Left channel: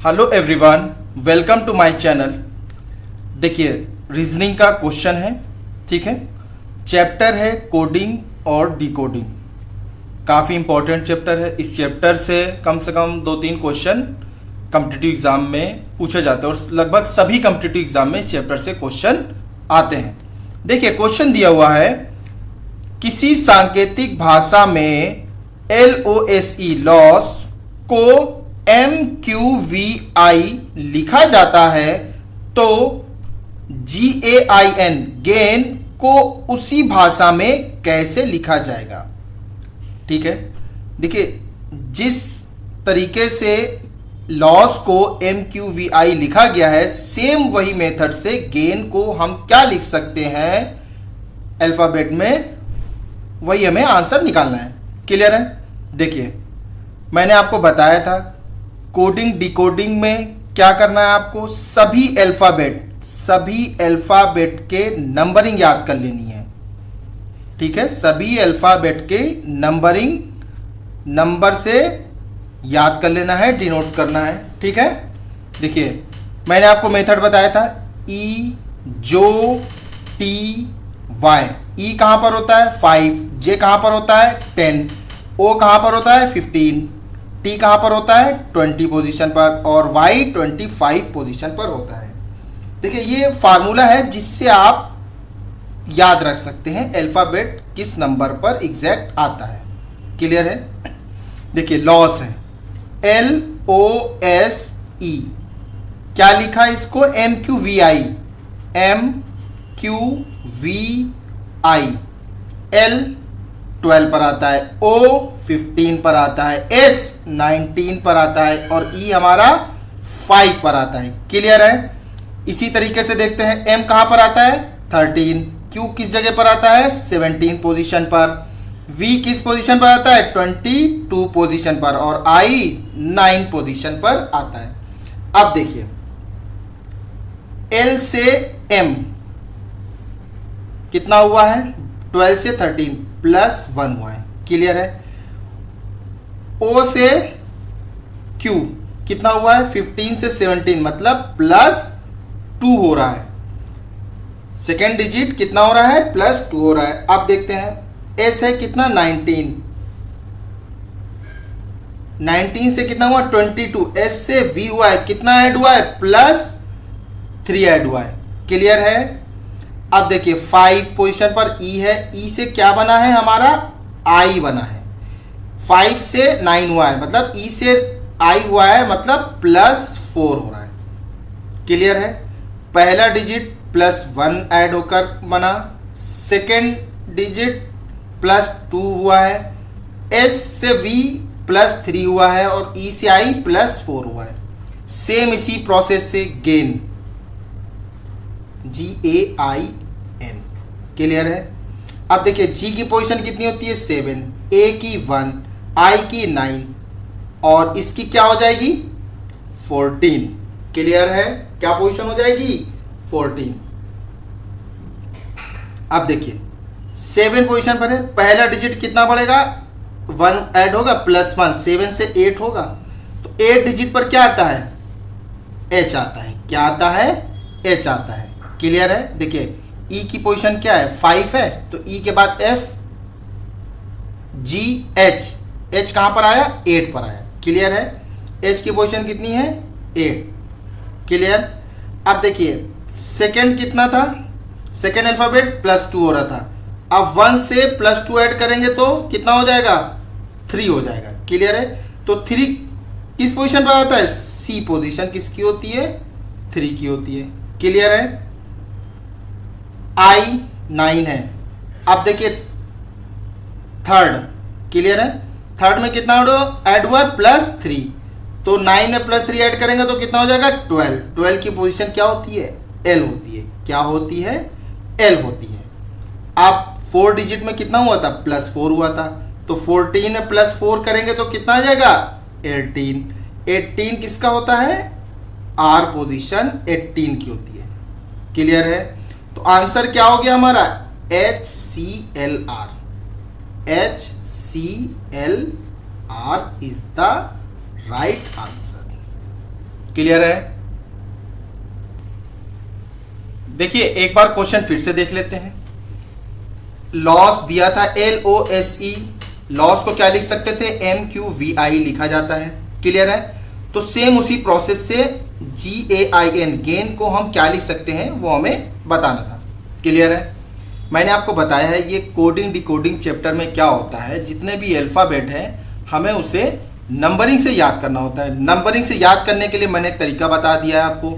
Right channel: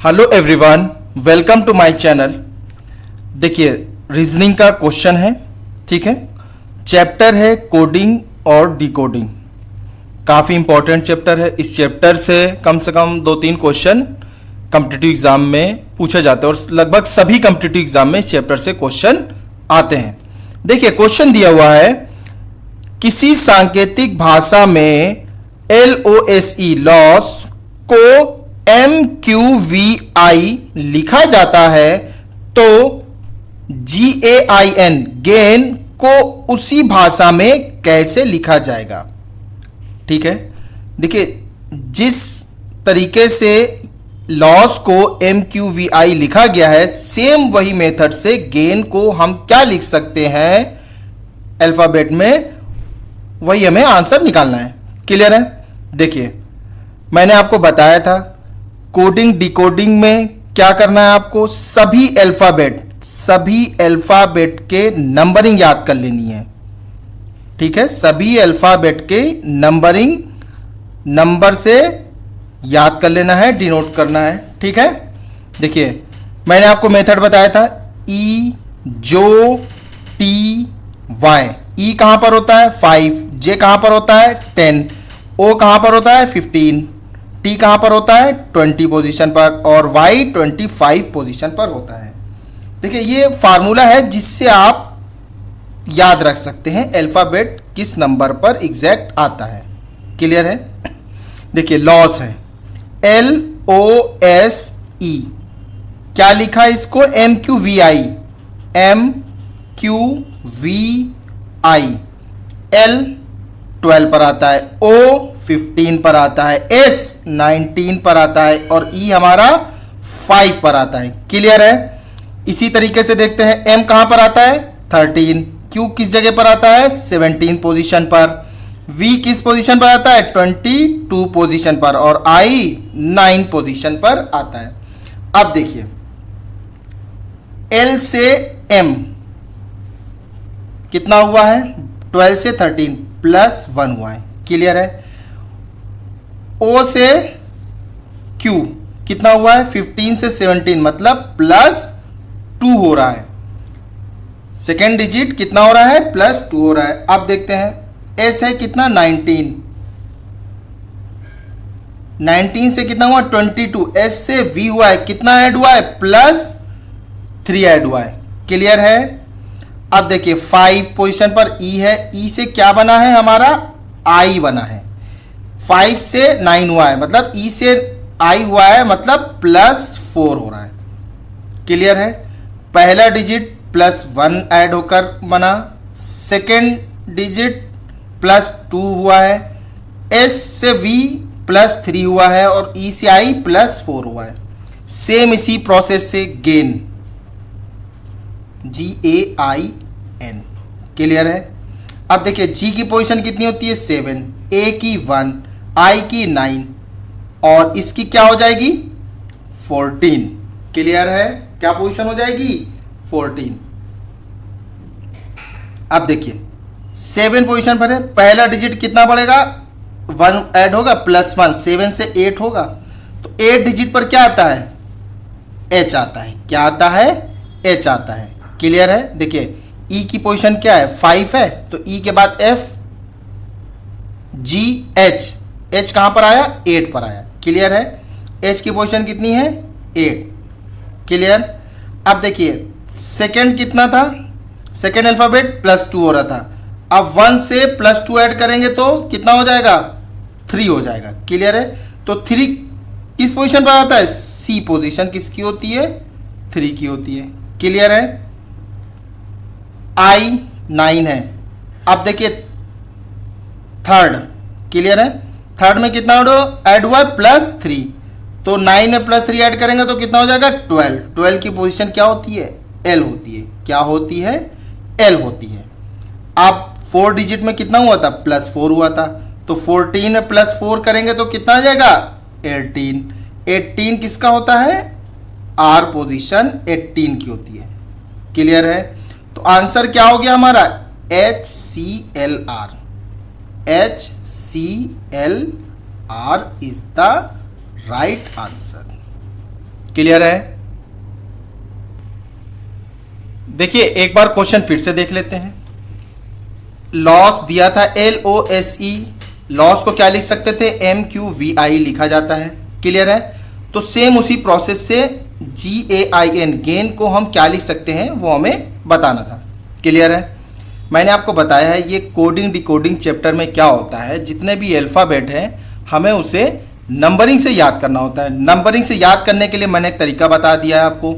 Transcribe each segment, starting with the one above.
Hello everyone, welcome to my channel. देखिए, reasoning का question है, ठीक है। चैप्टर है कोडिंग और डिकोडिंग। काफ़ी इंपॉर्टेंट चैप्टर है। इस चैप्टर से कम 2-3 क्वेश्चन कॉम्पिटिटिव एग्जाम में पूछे जाते हैं और लगभग सभी कॉम्पिटिटिव एग्जाम में इस चैप्टर से क्वेश्चन आते हैं। देखिए, क्वेश्चन दिया हुआ है, किसी सांकेतिक भाषा में LOSE लॉस को MQVI लिखा जाता है तो GAIN गेन को उसी भाषा में कैसे लिखा जाएगा। ठीक है, देखिए, जिस तरीके से लॉस को MQVI लिखा गया है, सेम वही मेथड से गेन को हम क्या लिख सकते हैं अल्फाबेट में, वही हमें आंसर निकालना है। क्लियर है? देखिए, मैंने आपको बताया था कोडिंग डिकोडिंग में क्या करना है, आपको सभी अल्फाबेट के नंबरिंग याद कर लेनी है। ठीक है, सभी अल्फाबेट के नंबरिंग नंबर से याद कर लेना है, डिनोट करना है। ठीक है, देखिए, मैंने आपको मेथड बताया था E जो T Y। E कहां पर होता है 5, J कहां पर होता है 10, O कहां पर होता है 15, T कहां पर होता है 20 पोजीशन पर और Y 25 पोजीशन पर होता है। देखिए, ये फार्मूला है जिससे आप याद रख सकते हैं अल्फाबेट किस नंबर पर एग्जैक्ट आता है। क्लियर है? देखिए, लॉस है LOSE, क्या लिखा है इसको MQVI, L 12 पर आता है, O 15 पर आता है, S 19 पर आता है और E हमारा 5 पर आता है। क्लियर है? इसी तरीके से देखते हैं M कहां पर आता है 13, Q किस जगह पर आता है 17 पोजीशन पर, V किस पोजीशन पर आता है 22 पोजीशन पर और I 9 पोजीशन पर आता है। अब देखिए, L से M कितना हुआ है 12 से 13 प्लस 1 हुआ है। क्लियर है? O से Q कितना हुआ है 15 से 17 मतलब प्लस 2 हो रहा है। सेकेंड डिजिट कितना हो रहा है प्लस 2 हो रहा है। अब देखते हैं S है कितना 19 से कितना हुआ 22, S से V हुआ है कितना ऐड हुआ है प्लस 3 ऐड हुआ है। क्लियर है? अब देखिए 5 पोजीशन पर E है, E से क्या बना है हमारा I बना है, 5 से 9 हुआ है मतलब E से I हुआ है मतलब प्लस 4 हो रहा है। क्लियर है? पहला डिजिट प्लस 1 ऐड होकर बना, सेकेंड डिजिट प्लस 2 हुआ है, S से V प्लस 3 हुआ है और E से I प्लस 4 हुआ है। सेम इसी प्रोसेस से गेन GAIN। क्लियर है? अब देखिए, G की पोजीशन कितनी होती है 7, A की 1, I की 9 और इसकी क्या हो जाएगी 14। क्लियर है? क्या पोजीशन हो जाएगी 14। अब देखिए 7 पोजीशन पर है, पहला डिजिट कितना पड़ेगा 1 ऐड होगा प्लस 1, 7 से 8 होगा तो 8 डिजिट पर क्या आता है H आता है। क्या आता है H आता है। क्लियर है? देखिए, E की पोजीशन क्या है 5 है तो E के बाद F G H, H कहां पर आया 8 पर आया। क्लियर है? H की पोजीशन कितनी है 8। क्लियर? अब देखिए, सेकेंड कितना था, सेकेंड अल्फाबेट प्लस 2 हो रहा था, अब 1 से प्लस 2 ऐड करेंगे तो कितना हो जाएगा 3 हो जाएगा। क्लियर है? तो 3 किस पोजीशन पर आता है C पोजीशन किसकी होती है 3 की होती है। क्लियर है? I 9 है। अब देखिए थर्ड, क्लियर है? थर्ड में कितना ऐड हुआ प्लस 3 तो 9 में प्लस 3 ऐड करेंगे तो कितना हो जाएगा 12। 12 की पोजीशन क्या होती है L होती है। क्या होती है L होती है। अब 4 डिजिट में कितना हुआ था प्लस 4 हुआ था तो 14 में प्लस 4 करेंगे तो कितना आ जाएगा 18। 18 किसका होता है R पोजीशन 18 की होती है। क्लियर है? तो आंसर क्या हो गया हमारा HCLR। HCLR is the right answer. Clear है? देखिए एक बार क्वेश्चन फिर से देख लेते हैं। लॉस दिया था LOSE, लॉस को क्या लिख सकते थे? MQVI लिखा जाता है। क्लियर है? तो सेम उसी प्रोसेस से GAIN, गेन को हम क्या लिख सकते हैं वो हमें बताना था। क्लियर है? मैंने आपको बताया है ये कोडिंग डिकोडिंग चैप्टर में क्या होता है, जितने भी अल्फ़ाबेट हैं हमें उसे नंबरिंग से याद करना होता है। नंबरिंग से याद करने के लिए मैंने एक तरीका बता दिया है आपको।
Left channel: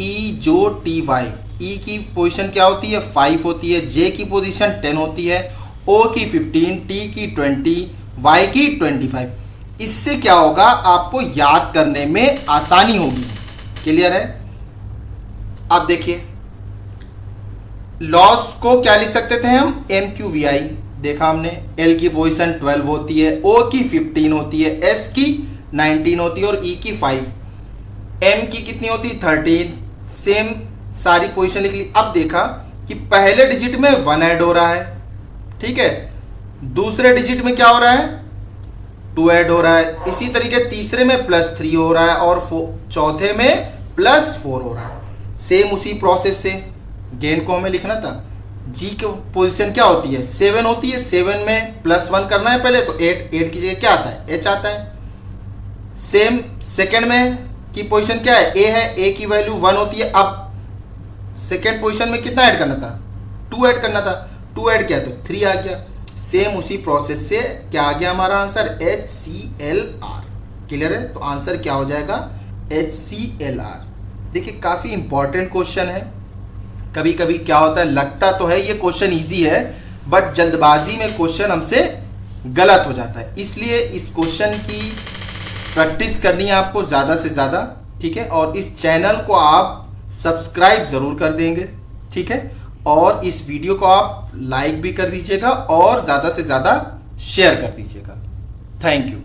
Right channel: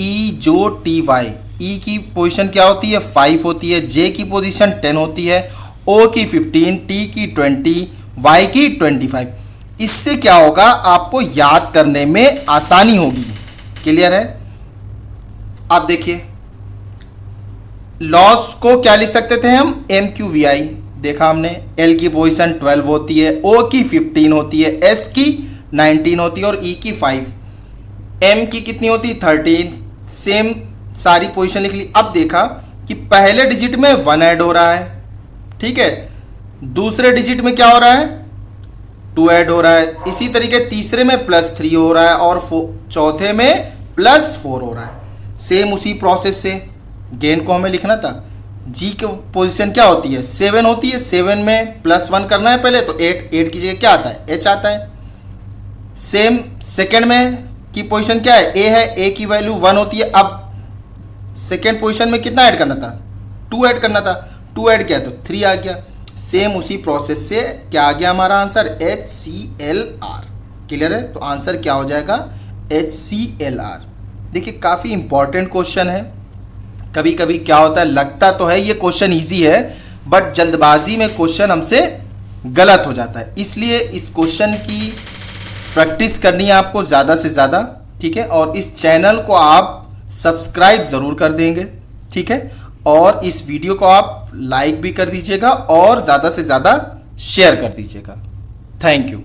EJOTY, E की पोजीशन क्या होती है? 5 होती है, J की पोजीशन 10 होती है, O की 15, T की 20, Y की 25। इससे क्या होगा? आपको याद करने में आसानी होगी। क्लियर है? अब देखिए लॉस को क्या लिख सकते थे हम? MQVI देखा हमने। L की पोजीशन 12 होती है, O की 15 होती है, S की 19 होती है और E की 5। M की कितनी होती है? 13। सेम सारी पोजीशन लिख ली। अब देखा कि पहले डिजिट में 1 ऐड हो रहा है, ठीक है, दूसरे डिजिट में क्या हो रहा है? 2 ऐड हो रहा है, इसी तरीके तीसरे में +3 हो रहा है और चौथे में +4 हो रहा है। सेम उसी प्रोसेस से गेन को हमें लिखना था। G की पोजीशन क्या होती है? 7 होती है, 7 में +1 करना है पहले, तो 8 की जगह क्या आता है? H आता है। सेम सेकंड में की पोजीशन क्या है? A है, A की वैल्यू 1 होती है। अब सेकंड पोजीशन में कितना ऐड करना था? 2 ऐड करना था, 2 ऐड किया तो 3 आ गया। सेम उसी प्रोसेस से क्या आ गया हमारा आंसर? HCLR। क्लियर है? तो आंसर क्या हो जाएगा? HCLR। देखिए काफ़ी इंपॉर्टेंट क्वेश्चन है। कभी कभी क्या होता है, लगता तो है ये क्वेश्चन इजी है, बट जल्दबाजी में क्वेश्चन हमसे गलत हो जाता है। इसलिए इस क्वेश्चन की प्रैक्टिस करनी है आपको ज़्यादा से ज़्यादा, ठीक है। और इस चैनल को आप सब्सक्राइब ज़रूर कर देंगे, ठीक है। और इस वीडियो को आप लाइक भी कर दीजिएगा और ज़्यादा से ज़्यादा शेयर कर दीजिएगा। Thank you.